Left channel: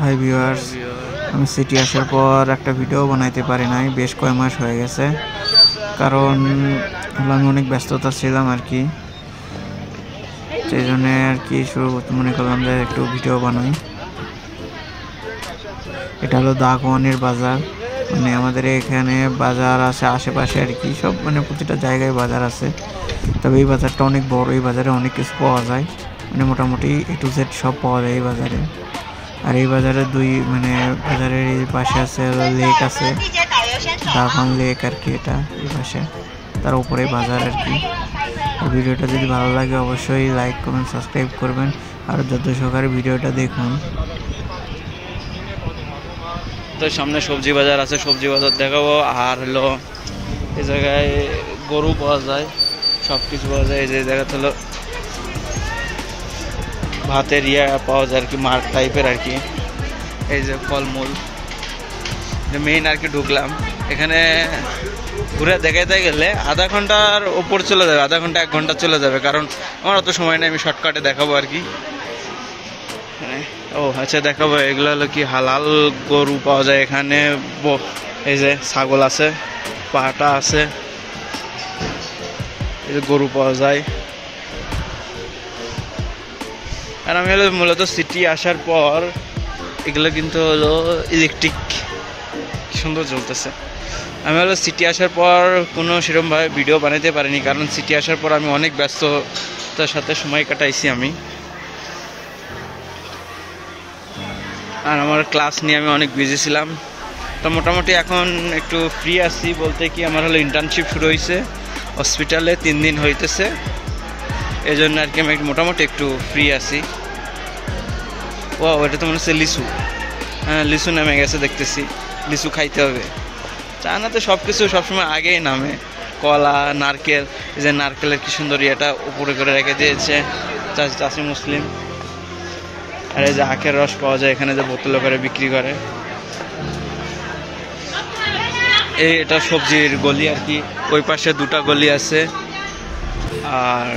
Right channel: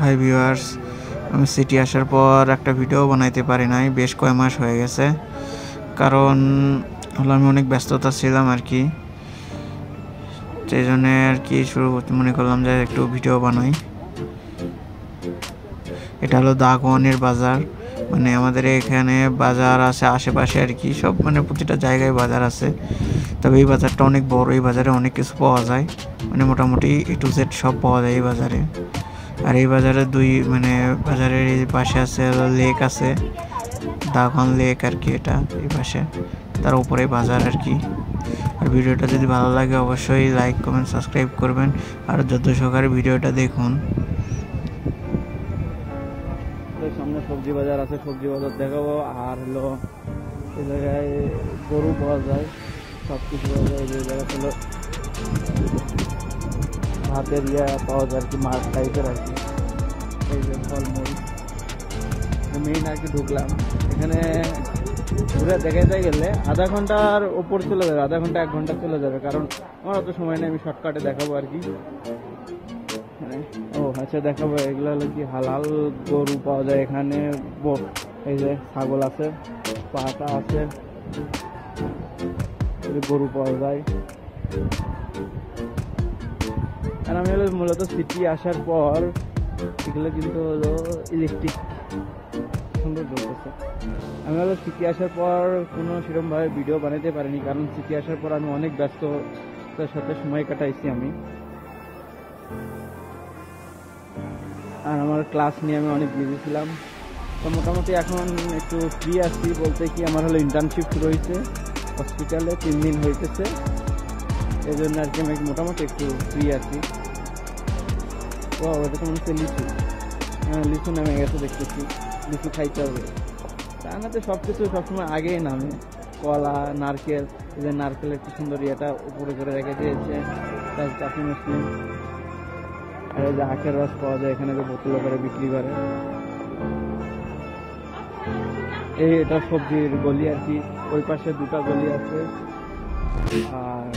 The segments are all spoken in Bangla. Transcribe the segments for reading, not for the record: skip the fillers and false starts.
হাই ভিউয়ার্স, আমি সিটি আসার পর একটা ভিডিও বানাইতে পারি নাই, বেশ কয় মাস হয়ে গেছে। কারণ হলো আমি অনেক ব্যস্ততা ছিলাম আর কি, সেই জন্য আর কি শুরু করতে মনে করলাম যে একটু ভিডিও বানাই। এটা হলো দাগওয়ানের বাজার, মানে আমাদের এখানে বাজার আছে আশেপাশে আর কি, সব মানে প্রতিটা জায়গায় বাজার আছে। তবে এই বাজারটা অনেক বড়, এই বাজারে অনেক কিছু পাওয়া যায়, মানে মোটামুটি A to Z সব পাওয়া যায় এই বাজারে। আর এই বাজারে বাজারের এই পাশে আছে লেক আছে, দাগওয়ান লেক আর কি, এটা এই পাশে, তার উপরে বাজার আর কি। আর ভিডিওটা যদি ভালো লাগে অবশ্যই লাইক কমেন্ট সাবস্ক্রাইব করবেন, আর যত সহকারে ভিডিওটা দেখুন। তো সামনে সবজি বাজার আছে, সবজি বাজার দেখাবো। আর হলো এই জায়গায় গরু পাওয়া যায়, সব কিছু পাওয়া যায়। এই যে জায়গাতে হলো ভাতের পাওয়া যায় আর কি, মার্ক টাইপের আর কি। এই যে ফলমূল মেইন আর কি। ঢুকলাম এখানে, ঘুরে দেখাইতে গেলে আধা ঘন্টার ওপর চলে যাবে, আধা ঘন্টা 1 ঘন্টা চলে যাবে, কারণ আমার অত সময় নেই। আমি শর্টকাটে দেখাবো আর কি। ও আচ্ছা, দেখাবো। এগুলো হলো কি হালাল গরু পাওয়া যায় এখানে। এই যে ছাগল আছে, পাটা আছে, এই যে গরু পাওয়া যায়। আর আমি হলো মূলত সিটি আসার পর এগুলো কিন্তু হলো ইলেকট্রিক, সুন্দর চলতেছে। আমি হলো সিটি আসার পর কোনো সেরকমভাবে ভিডিও বানাতে পারিনি, কারণ সিটি আসার পর আমি অনেক ব্যস্ততার সাথে সময় কাটাইছি আমি। আর আমার ক্লাস নিয়ে আমি অনেক বিজি ছিলাম। তো মোটামুটি এখন একটু ফ্রি আছি, বলতে কি আমার হলো ইন্টার্নশিপ শুরু হয়েছে হসপিটালে, 3 দিন হইতেছে। এই জন্য আর কি আমি মোটামুটি একটু ফ্রি আছি। ও ওটা তো মনে হচ্ছে লিচু, হ্যাঁ লিচু নামে গেছে দেখতেছি। লিচু খাইতে হবে। চায়নাতে সব কিছু সবসময় আগেই নামে, কলা, নারকেল। এই যে নারকেলের কি সুন্দর ইয়েটা উপরে করে রেখে দিয়েছে চাষি মুসলিম। আর এই যে আখের রস পাওয়া যায় এখানে, যে বোতলে করে বিক্রি করে। এটা সবজির গলি আর কি, ওই পাশে 2টা গলি আছে। আর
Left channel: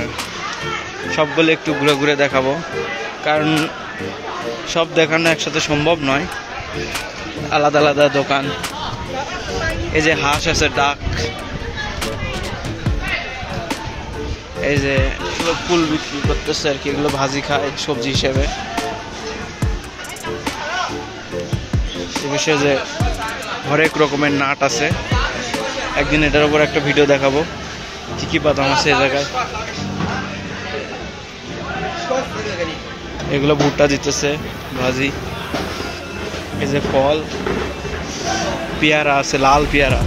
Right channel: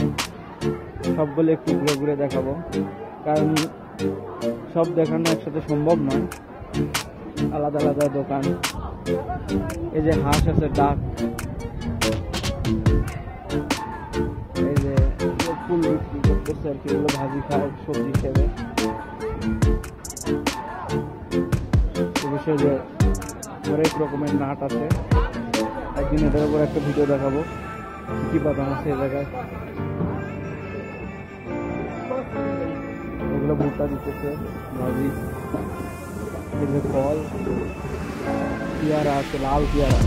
সবগুলো একটু ঘুরে ঘুরে দেখাবো, কারণ সব দেখানো একসাথে সম্ভব নয়, আলাদা আলাদা দোকান। এই যে হাঁস আছে, ডাক। এই যে ফুল বিক্রি করতেছে আর কি, এগুলো ভাজি খায় সবজি হিসেবে। এ বিষয়ে যে হরেক রকমের নাট আছে, একদিন এটার উপর একটা ভিডিও দেখাবো কি কি বাদাম আছে এই জায়গায়। এগুলো ভুট্টা দিতেছে ভাজি। এই যে ফল, পেয়ারা আছে, লাল পেয়ারা।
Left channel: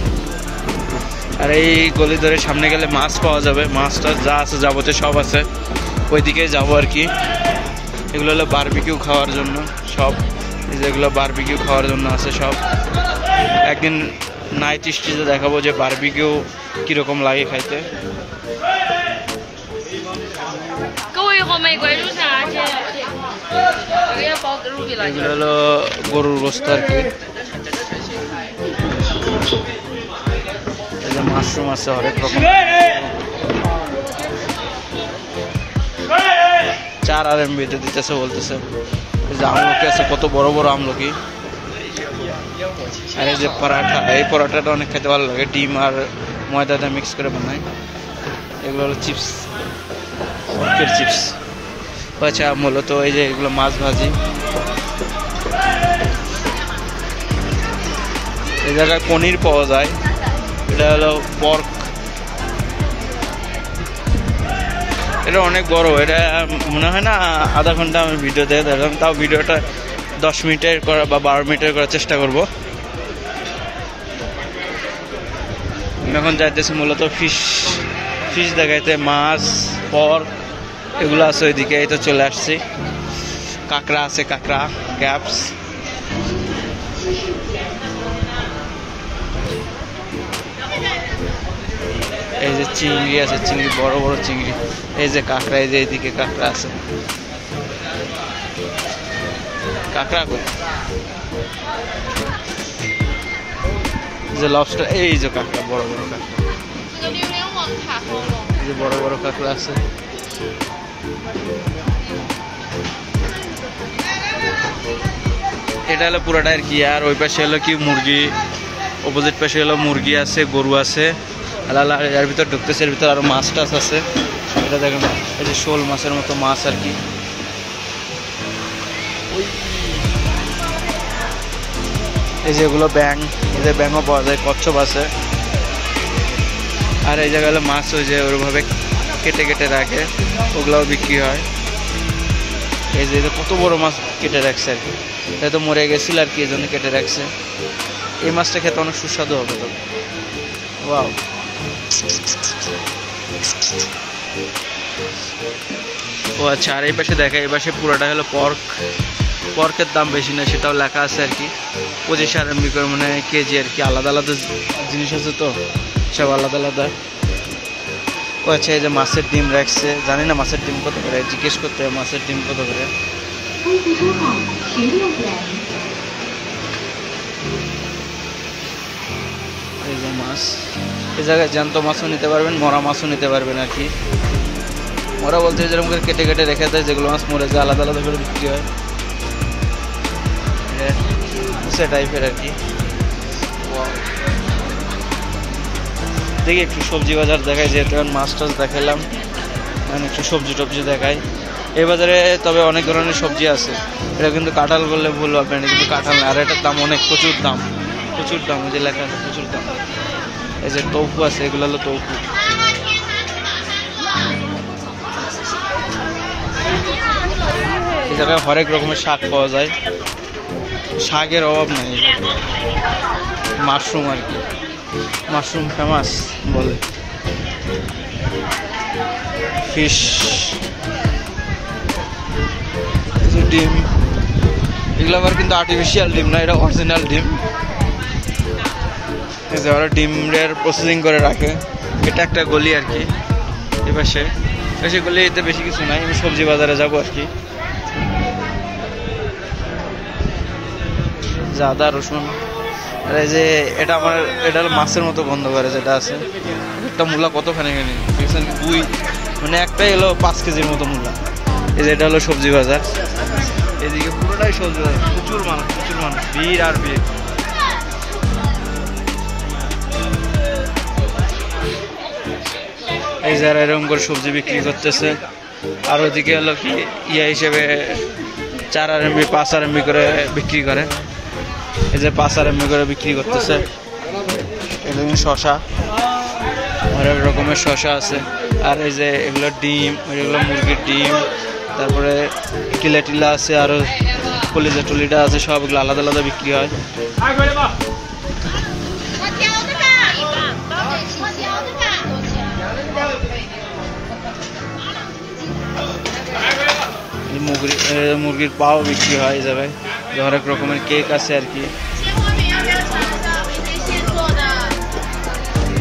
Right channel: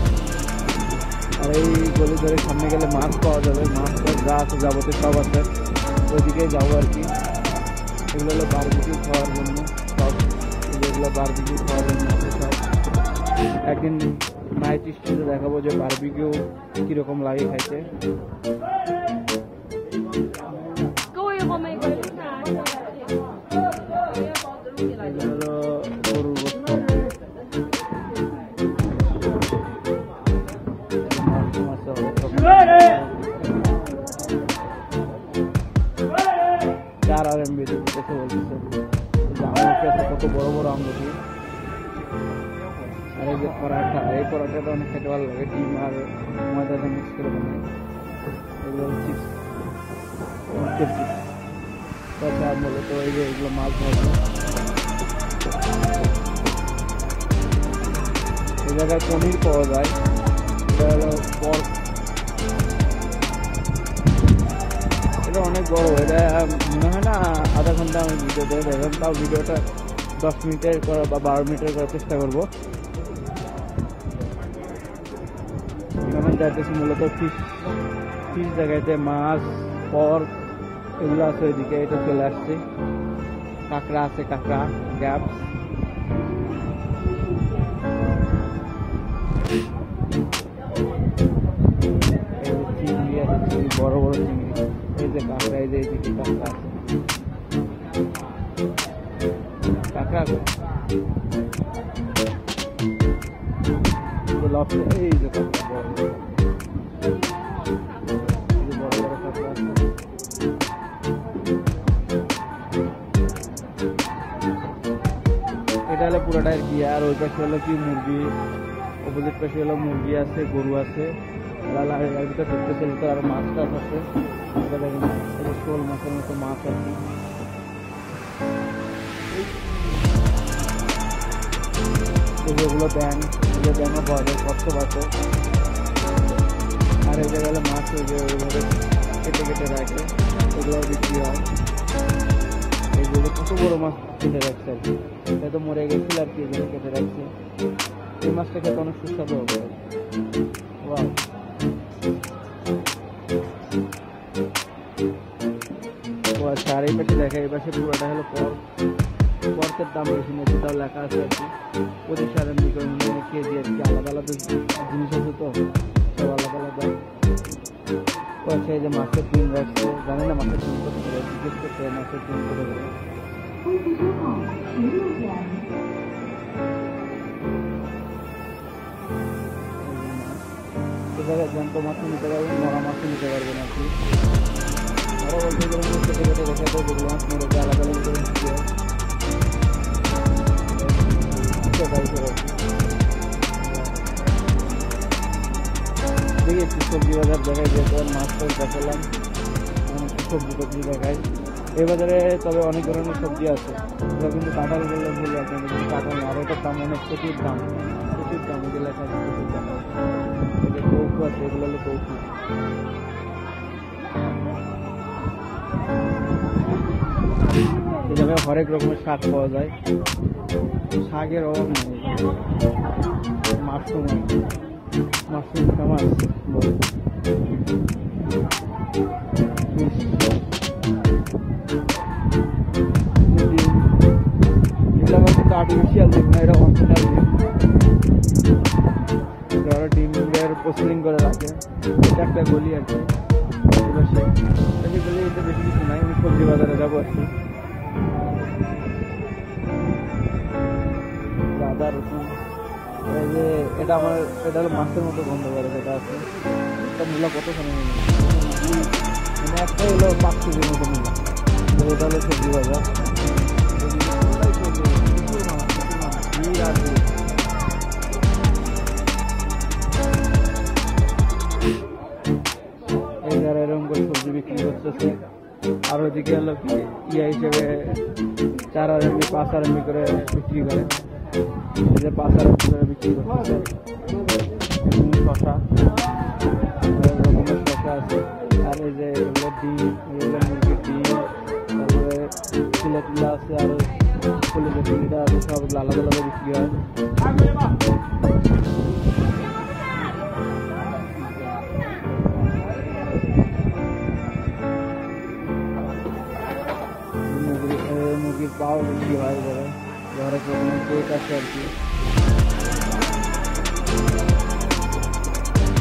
আর এই গলি ধরে সামনে গেলে মাছ পাওয়া যাবে, মাছটা যা আছে যাবতীয় সব আছে, ওইদিকে যাবো আর কি। এগুলো হলো বারবিকিউ খাওয়ার জন্য সব, এই যেগুলো বারবিকিউ খাওয়ার জন্য আছে সব। একদিন নাইট স্ট্রিটে দেখাবো যে বারবিকিউ কিরকম লাগে খাইতে। এগুলো হলো গরুর গোস্ত আর কি। মাশরুম আছে, অনেক রকম। 4 RMB দিতেছে বলতেছে। এই যে আমলকি আছে, কত বড় বড় আমলকি। আর এই যে পরাঠা, এই পরাঠাটা অনেক খেতে ভালো লাগে, ডিম আর ময়দাটা মিক্স করে বানায়। এগুলো হলো চিপস, পর্কের চিপস। আচ্ছা, মূলত এই যে এগুলো মাছ ভাজি। এই জায়গায় পনির পাওয়া যায়, এটা হলো পর্ক। এটা অনেক বড়, এটা মনে হয় না আধা ঘন্টা আমি ভিডিও দেখে দেখলাম, তাও ভিডিওটা 10 মিনিটের করা বা 12 মিনিটের করার চেষ্টা করব। এখন যাইতেছি মূলত ফিশ দেখাইতে, মাছ, পর্ক এগুলো আছে ওইদিকে। এই তো চলে আসছি। কাঁকড়া আছে, কাঁকড়া, গ্যাপস। এই যে চিংড়ি আছে, চিংড়ি বড় বড় চিংড়ি। এই যে কাঁকড়া, এই যে এইদিকে কাঁকড়া আছে। কাঁকড়া কই? যে লবস্টার, এই যে কাঁকড়া, বড় বড় কাঁকড়া। এই যে বড় বড় কাঁকড়া আছে। এটা হলো পুরোটা আর কি। আর ওই পাশে হলো কি মুরগি, অপোজিট পাশে হলো মুরগি আছে, গরু আছে। এর ভিতর ঢুকতেছে, এর ভিতর আরো মাছ টাছ আছে। এটা দেখেন, এই যে শোল মাছের মতো মাছ আর কি। এই যেগুলো ব্যাং, এই যে ব্যাংও পাওয়া যায়, কচ্ছপ আছে। আর এই জায়গায় হলো মাছ ওই যে ওইভাবে কেটে কেটে রাখে, ওগুলাও বিক্রি হয়। এই যে কত বড় মাছ কেটে রাখছে আর কি, এটা তো মরে গেছিল আর কি, এই জন্য কেটে রাখছে। এই মাছটা খেতে অনেক সুস্বাদু হবে। তো ওয়াও, ও আচ্ছা। আর এই পাশে দেখা, এই পাশে পুরোটা হলো পর্ক। পর্কের দাম বেশি না, সেটাও লেখা আছে আর কি। 25 RMB করে মানে কেজি আর কি। আলাদা আলাদা জিনিস আছে তো, সব আলাদা আলাদা। ও আচ্ছা, এই যে মাছের ডিম রাখছে, জানি না মাছের ডিম কত করে, জিজ্ঞেস করতে হবে মাছের ডিম কত করে। এই যে মাছ, এই জায়গায় জ্যান্ত মাছও নিতে পারবেন, মরা মাছও নিতে পারবেন আর কি। মরা বলতে যেরকম করে কেটে কেটে রেখে দেয়, যেগুলো মাছ মরে যায় আলাদা আলাদা করে বিক্রি হয়, সে টাইপের আর কি। দেখি একটু সবজি বাজার দেখাই, যেহেতু মাছ টাছ দেখাইলাম, মানে একটু সবজি টবজি দেখাই এই বাজারে। তবে অনেক ধরনের সবজি আছে, এটা কিন্তু কাঁঠাল বললে ভুল হবে না, কিন্তু কাঁঠাল না। আর এটার দাম অনেক, প্রচুর দাম, প্রচুর দাম। ওই যে লেখা আছে প্রচুর দাম। এই যে টৌফু আছে, এগুলো হলো টৌফু। এই জায়গায় হরেক রকমের শাক পাওয়া যায়, শাকের অভাব নেই। মাশরুম আর কি, মাশরুম ফেমাস বলে। ফিশ, ডিম, এগুলো আবার কিন্তু আর্টিফিশিয়াল ডিম না, এটা অরিজিনাল ডিম। এই যে ওরা ডিমের প্রসেসিং করে রাখে। এটা একটা গলি আর কি, এপাশে বেশি গলিতে বেশি কিছু নাই। আমি সবজি বাজারে যাবো আর কি। আদা রসুন, আর এই যে এটা আমার, এটা হলো মাছের মতো গন্ধ করে যেটা আছে। একটা মূলা কতখানি দেখছেন, দুই মানে একটাই হলো 5 কেজির মতো মূলা। এই যে এটা হলো সবজি বাজার, এদিকে পুরোটাই সবজি বাজার। প্রচুর মানুষ, প্রচুর মানুষ, ভিড় আর ভিড়। এই যারা এরকম করে সবজি বিক্রি করতেছে। আর ওদিকে হলো কি ইয়া হিসেবে 4 RMB 5 RMB করে বিক্রি করে। এই যে 5 RMB করে বিক্রি করতেছে। এখানে শশা, অনেক রকমের শশা আছে। আর এই যে এগুলো ডিম, এগুলো মুরগির ডিম, তারপরে টিলা টিলা আছে, আরো কলিজা টুলিটা আছে, সবগুলো আলাদা আলাদা বিক্রি হয়। মুরগির পাও বিক্রি হয় এই জায়গায়। হরেক রকমের কেক আছে আর কি।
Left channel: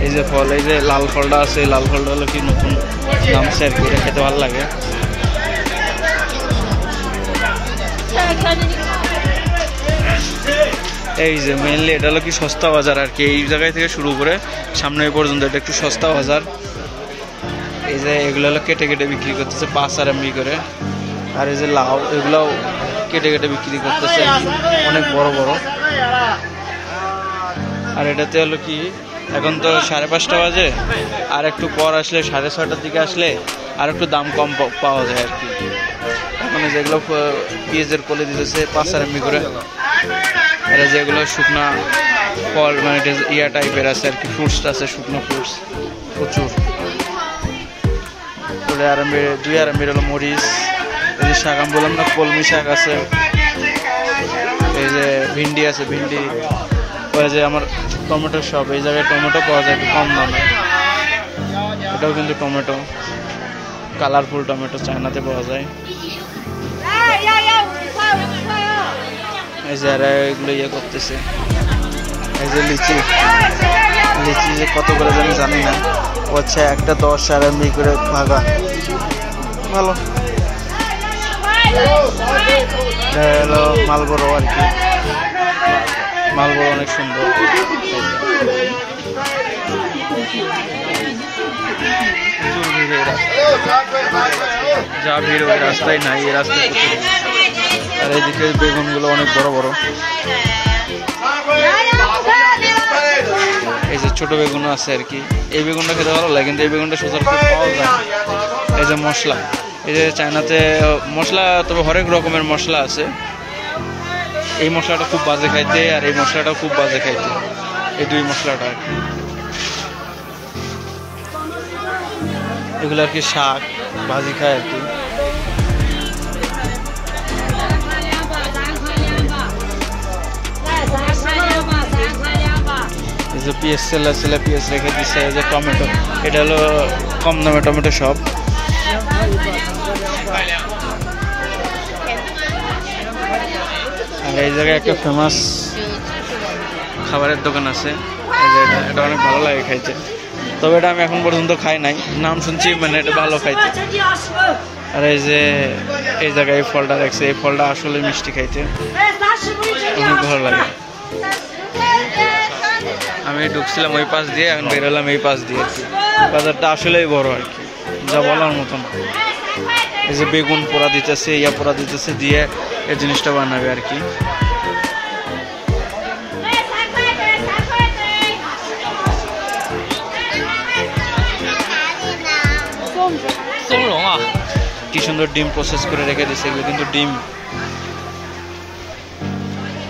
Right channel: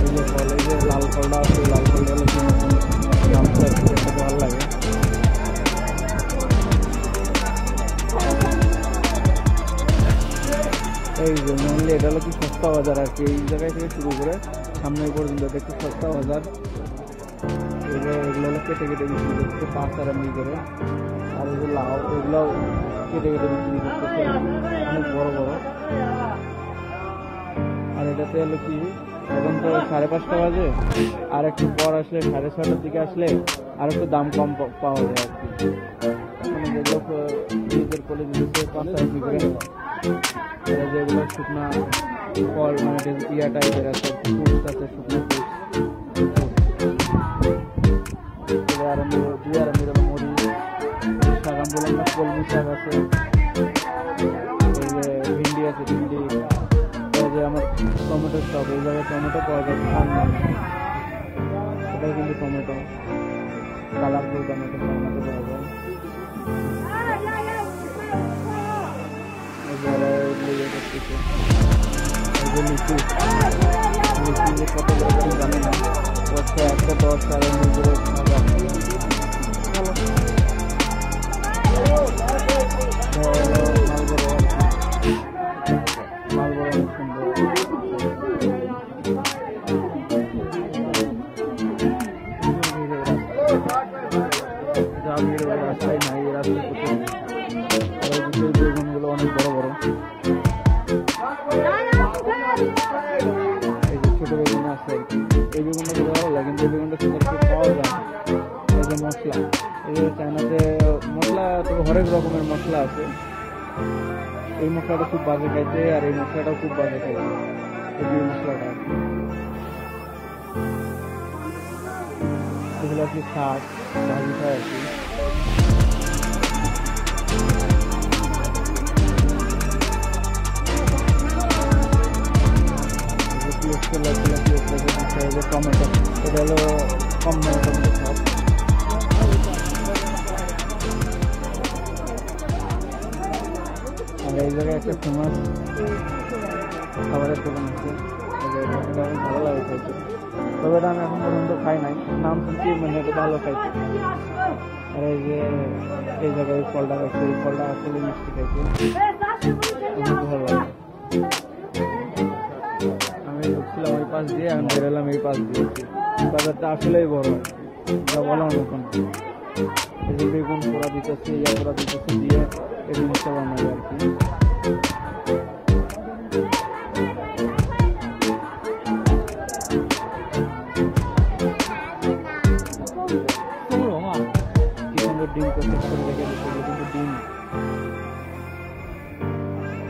এই যে ফল, এই যে লাল ফলটা আছে, লাল ফলটা হলো কি নতুন নামছে আর কি, এটা খেতে ভালো লাগে। এই যে মেনলি এটা হলো কি সস্তা বাজার আর কি। এই জায়গায় থেকে শুরু করে সামনে পর্যন্ত এটা একটু সস্তা বাজার। এই যে এগুলো হলো কেটে কেটে বিক্রি করতেছে 5 RMB করে। আর এই যে লাউ, এগুলাও কেটে কেটে বিক্রি করতেছে অনেক বড় বড়। আর এটাতে হলো কি এখন তো 5:30 বাজে, আর একটু পর আসলে 6:30টার দিকে আসলে আর একটু দাম কম পাওয়া যায় আর কি। মানে যেগুলো পেঁয়াজের কলে দিতেছে 5 RMB করে। এরা যেগুলো শুকনা ফল, মানে ইয়া টাইপের আছে আর কি, ফ্রুটস আছে, শুকনো ফ্রুটস প্রচুর। 2 RMB হলো মরিচ। এই যে শাক আমি বললাম না, কলমি শাক আছে। এই যে ভিন্ডি আছে, ভিন্ডি। ওই যে আমার টমেটো শপ, এই জায়গায় টমেটো পাওয়া যায় কম দামে। এটাও কিন্তু টমেটো, কালারফুল টমেটো, চায়নাতে পাওয়া যায়। এই যে এরা এগুলো ইয়ে করতেছে। এই যে লিচি, লিচি যে কত করে জানি না। ও আচ্ছা, একটা 10 RMB করে ভাগা, ভালো। হলো মালবড়ো আর কি, মালবড়ো অনেক সুন্দর। যা ভিড় ওই রাস্তায় নাই, এই রাস্তায় প্রচুর। আর এইদিকে বেগুনগুলো অনেক বড় বড়। এই যে ছোট বেগুন আছে আর কি, এই বেগুনটা খেতে ভালো লাগে, কিন্তু এই বেগুনটা সচরাচর পাওয়া যায় না। এই যে মশলা, এই যে চায়নাতে মশলা, তবে হরেক রকমের মশলা আছে। এই মশলাটা খুব বাজে খাইতে, আর এই মশলাটাও খুব বাজে খাইতে, এই দুই মশলাটা আর কি। এগুলো আর কি শাক ভাজি খায় আর কি। যে পিএস ছেলে পিএস রেখে দিচ্ছে, যে টমেটো, এটা হলো কম দামে টমেটো সব। আর এই জায়গায় একটা ফেমাস খাবারের দোকান আছে, এটা অনেক ভালো লাগে খাইতে, তবে এটা আমি এখন পর্যন্ত খাই নাই, নাম শুনছি, মানে এটা ভালো খাইতে। আর এই যে এই জায়গায় এই ফলটা রাখছে, এই ফলটা আসলে মিষ্টি খাইতে অনেক ভালো লাগে। আমি ঢুকছিলাম ওই পাশ দিয়ে, এখন বেরোলাম এই পাশ দিয়ে আর কি। বাজারটা আসলেই বড় আর কি, যা বলার মতন। এই যে বেগুন পোড়া দিতেছে, ইয়া পোড়া দিতেছে, দিয়ে এই জিনিসটা বানাবে আর কি। কি সুন্দর ডিম প্রসেস করে রেখে দিচ্ছে, এগুলো কিন্তু ডিম,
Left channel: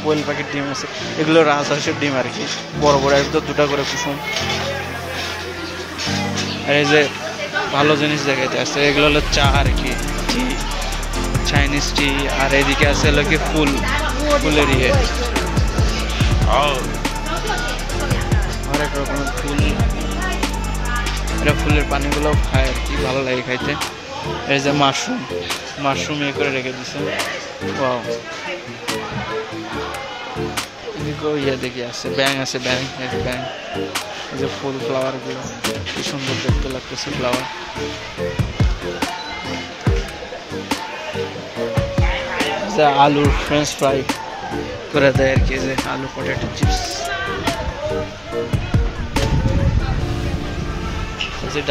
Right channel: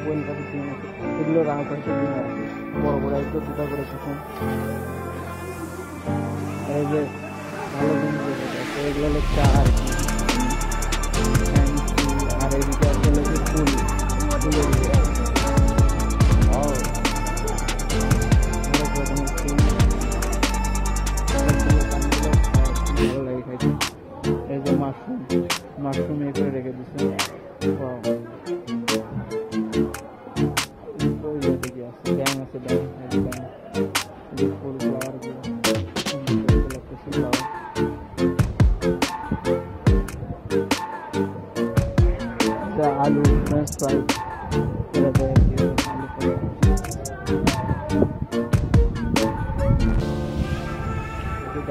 কোয়েল পাখির ডিম আছে, এগুলো রাজহাঁসের ডিম আর কি, বড় বড় একদম দুটা করে কুসুম। আর এই যে ভালো জিনিস দেখাইতে আসছে, এগুলো হলো চা আর কি, চাইনিজ টি। আর এইদিকে আছে হলো কি ফুলের ইয়ে, অনেক রকমের ফুল, এটা ফুলের পানিগুলো খায় আর কি, ভালো লাগে খাইতে। এই যে মাশরুম ইয়ে করে রেখে দিছে, ইয়ে দেখি আছে ব্যাং আছে, ব্যাং, এই যে ফুল, ফ্লাওয়ার গুলো কি সুন্দর দেখতে লাগতেছে, ফ্লাওয়ার। আলুর ফ্রেঞ্চ ফ্রাই করে দেয় আর কি, যে আলু পটেটো চিপস।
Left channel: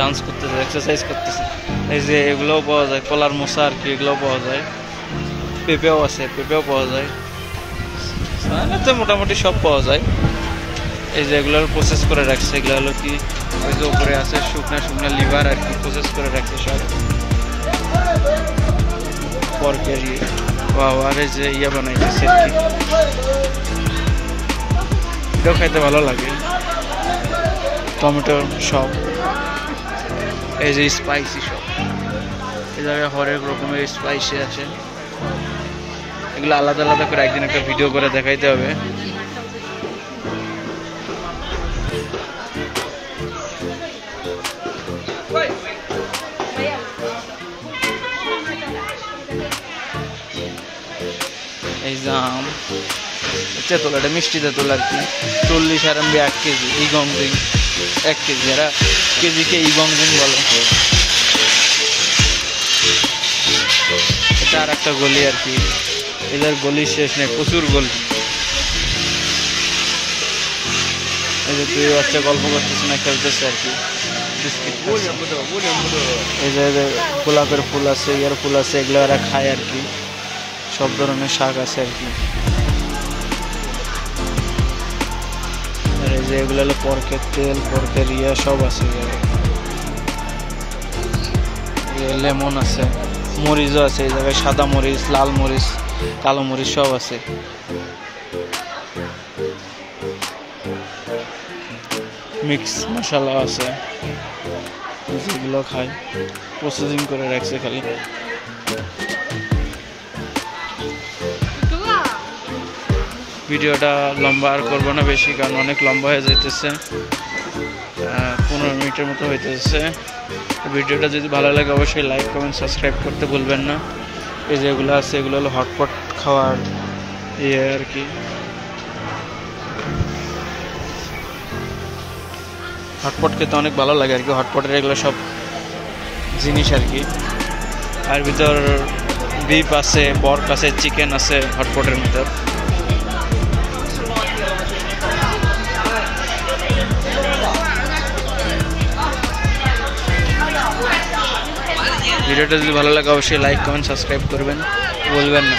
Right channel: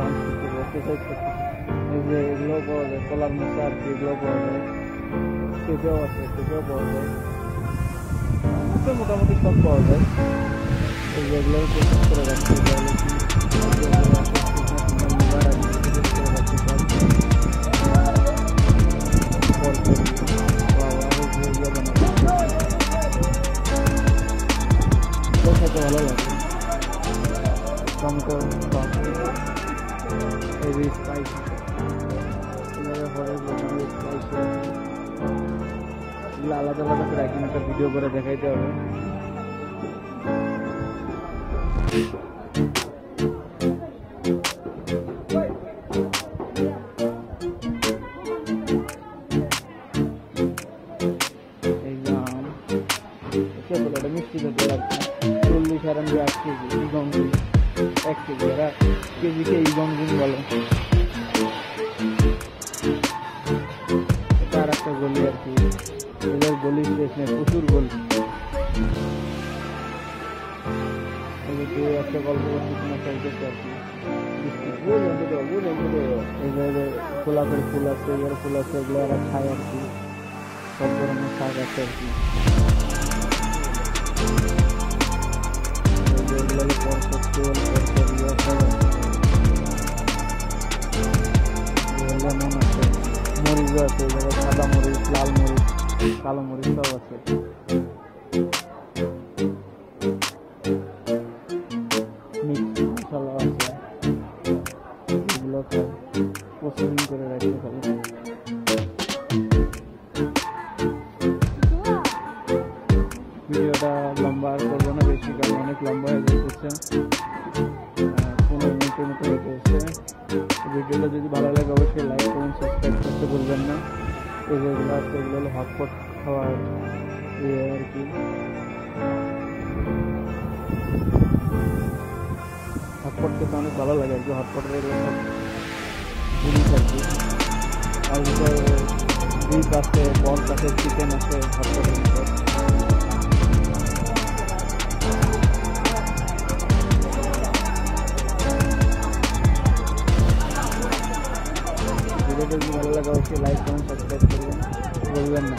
ডান্স করতেছে, এক্সারসাইজ করতেছে। এই যে এগুলোও পাওয়া যায়, কলার মোসা আর কি, এগুলোও পাওয়া যায়, পেঁপেও আছে, পেঁপেও পাওয়া যায়, মোটামুটি সব পাওয়া যায়। এই যে এগুলোর প্রসেস করে রাখছে, এগুলো হলো কি ওই যে উপরে আছে শুকনা লিভার আর কি, প্রসেস করে রাখছে সব পর্কের ইয়ে। আর এই যে ইয়ে বানাইতেছে আর কি, এটাও খাইতে ভালো লাগে, টমেটো সব। এই যে স্পাইসি সব, এই জায়গায় হরেক রকমের স্পাইসি আছে, এগুলো আলাদা আলাদা করে একদিন একটা ভিডিও করে দেখাইতে হবে। এই জাম তেঁতুল, এটা মিষ্টি তেঁতুল আর কি, 40 RMB 1 কেজি, ইগংজিং 1 কেজি, এরা কেজিকে ইগংজিং বলে। এটা আর একটা গলি আর কি, এদের গলি শেষ নেই, প্রচুর গলি। এই যে তুই বাচ্চা গল্প করতেছে না, খেলতেছে আর কি, বিস্কিট। এই যে গোলাপের ফুল আছে, ইয়ার ফুল আছে, এগুলো এরা খায় আর কি, সব ধরনের শাক আছে আর কি। আর এই যে এগুলো হলো পর্কের তেল, পর্কের ইয়ে সব আছে, লেমন আছে, মরিচও আছে, এই জায়গায় সাদা মরিচ, লাল মরিচ, কালো মরিচ সব আছে। মিক্স মশলা আছে, যেগুলো খায়, প্রসেসিং করে রাখছে খালি। ভিডিওটা লম্বা আর করবো না বেশি, কারণ অনেক লম্বা হয়ে যাইতেছে, 15 মিনিটের মতো হইতেছে। ভিডিওটা যদি ভালো লাগে অবশ্যই লাইক, কমেন্ট, সাবস্ক্রাইব করতে ভুলবেন না। এই যেগুলো আছে এগুলো হলো হটপট খাওয়ার ইয়ে আর কি, হটপট খেতে অনেক ভালো লাগে আর কি, হটপটের এগুলো সব জিনিস আর কি। আর ভিতর বিফ আছে, পর্ক আছে, চিকেন আছে হটপটের ভিতর। ভিডিওটা যদি ভালো লাগে অবশ্যই লাইক, কমেন্ট, সাবস্ক্রাইব করবেন, বলবেন না।